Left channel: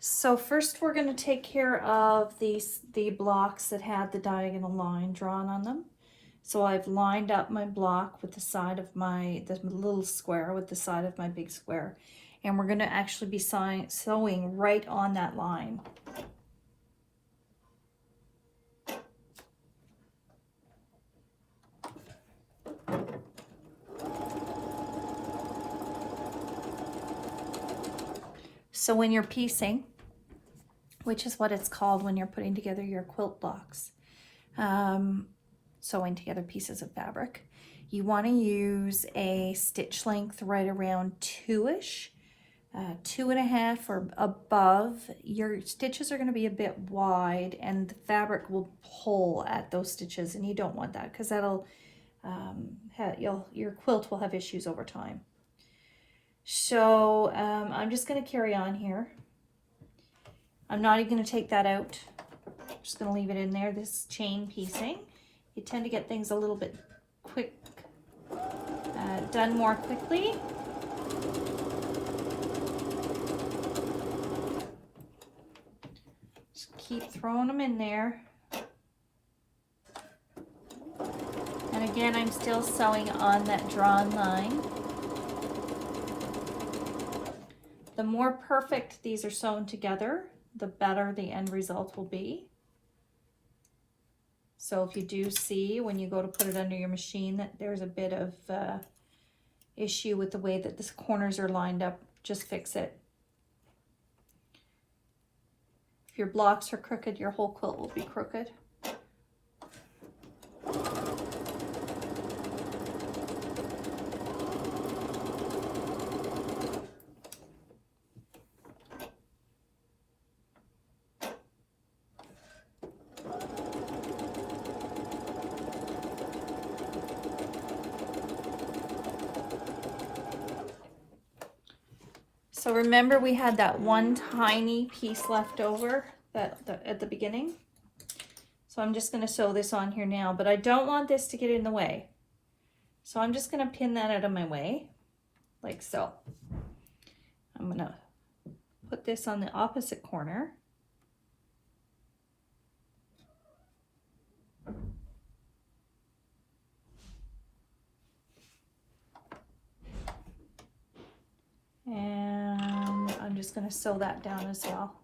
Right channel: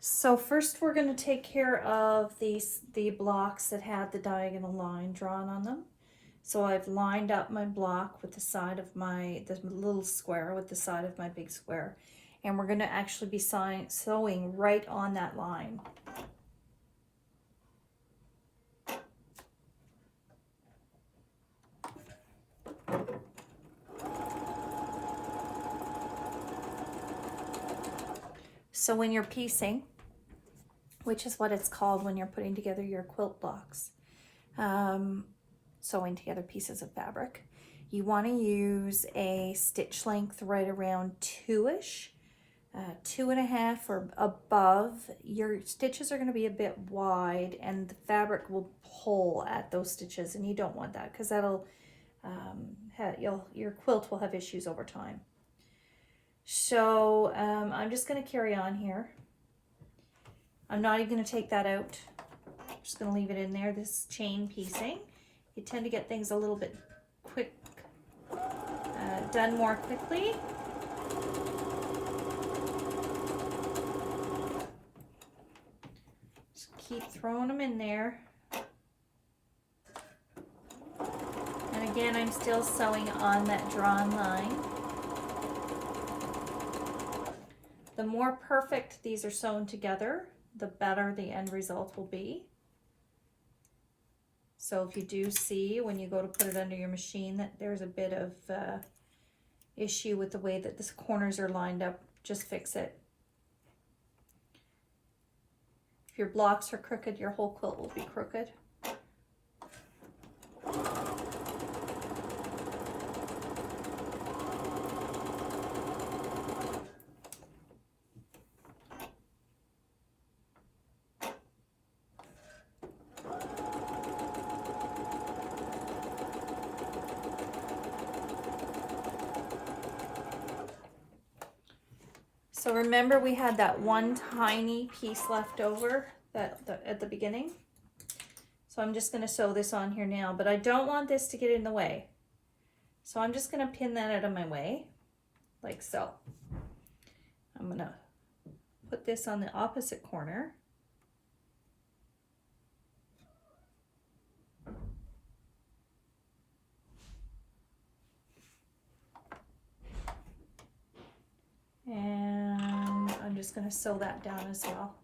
So first we're going to take care of the blocks that had the diagonal line drawn on them. So I've lined up my block with the side of the little square with the side of my big square. And we're going to actually be sewing right on that line. So when you're piecing, which is what it's called when you're putting together your quilt blocks, sewing together pieces of fabric, you want to use a stitch length right around 2-ish, 2.5 or above. Your stitches are going to be a bit wide and the fabric will pull at those stitches, and you don't want that because that'll your quilt will have issues over time. So I'm just going to carry on here. I'm not even going to take that out. I'm just going to leave it in there, this chain piecing. You tend to get things a little bit done more quickly. Just keep throwing them in there. And again, I'm still sewing on that drawn line. The more perfect these are sewn together, the better the end result will be. So if you do see when you go to put it under your machine that there's a bit of issue with the way that the corners are lined up, just fix it. If your blocks are crooked, your whole quilt will be crooked. So remember we had that one tiny piece left over at the beginning. So I'm just going to sew this on here now, but I don't want this to get in the way. So I'm just going to pin that out of my way, like so. I'm going to put this on the opposite corner. And I'm just going to sew that down as well.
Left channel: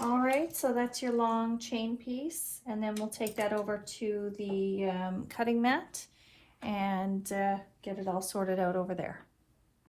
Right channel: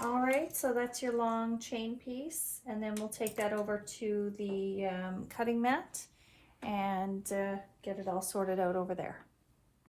All right, so that's your long chain piece, and then we'll take that over to the cutting mat and get it all sorted out over there.